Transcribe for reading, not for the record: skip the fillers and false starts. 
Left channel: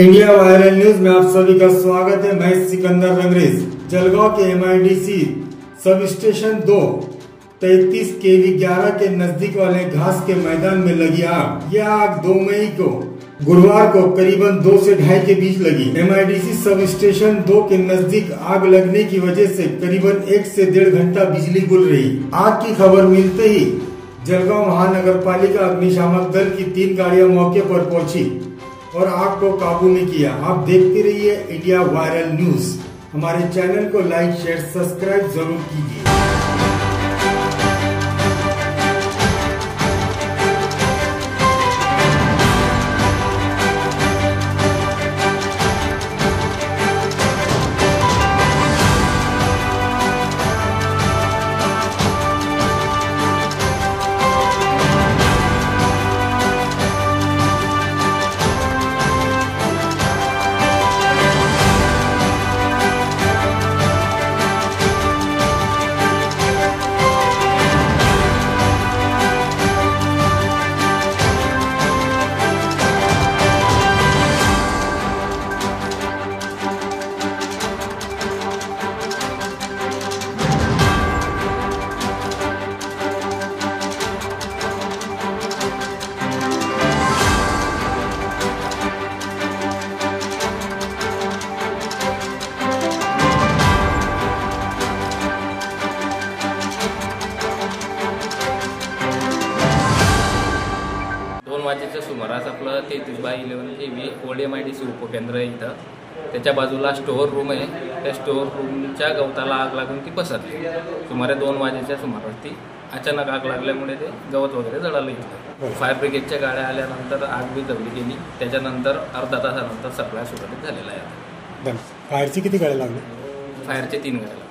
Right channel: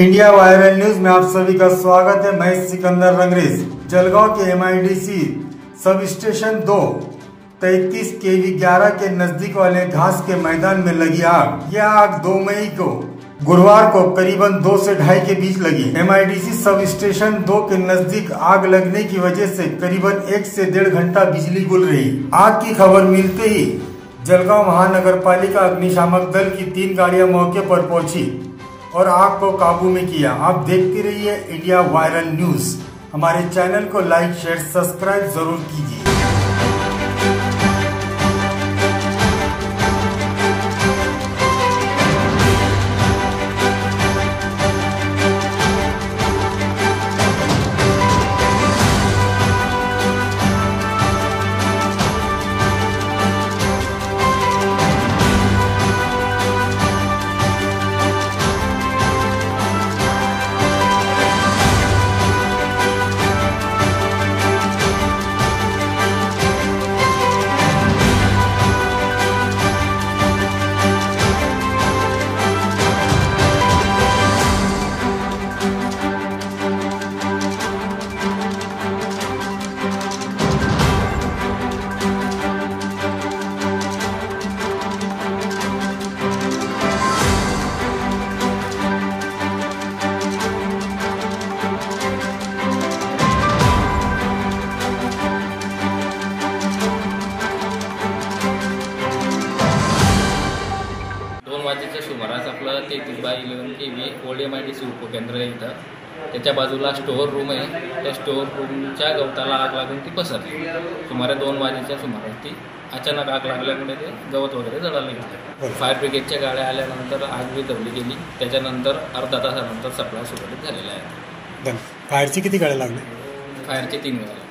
India viral news में आप सभी का स्वागत है। मैं सिकंदर रंगरेज। जलगांव के MIDC सब स्टेशन 2 33 KV 11 के नजदीक वाले घास के मैदान में लगी आग। यह आग 2 मई को गुरुवार को करीबन 2 से 2:30 के बीच लगी। MIDC सब स्टेशन 2 के नजदीक आग लगने की वजह से करीबन 1 से 1.5 घंटा बिजली गुल रही। आग की खबर मिलते ही जलगांव महानगर पालिका अग्निशामक दल की 3 गाड़ियां मौके पर पहुंची और आग को काबू में किया। आप देखते रहिए इंडिया वायरल न्यूज। हमारे चैनल को लाइक, शेयर, सब्सक्राइब जरूर कीजिए। दोन वाजेच्या सुमारास आपलं 33/11 KV ओल्ड MIDC उपकेंद्र आहे इथं। त्याच्या बाजूला स्टोअर रूम आहे। त्या स्टोअर रूमच्या गवताला आग लागून ती पसरली। सुमारे 2 वाजेच्या सुमारास ती अचानक आग लागल्यामुळे ते गवत वगैरे जळालं इथलं। फायर ब्रिगेडच्या गाड्या आल्यानंतर आग विझवली गेली। त्याच्यानंतर अर्धा तासानंतर सप्लाय सुरळीत झालेला आहे। फायरची किती गाड्या लागल्या? फायरचे 3 गाड्या।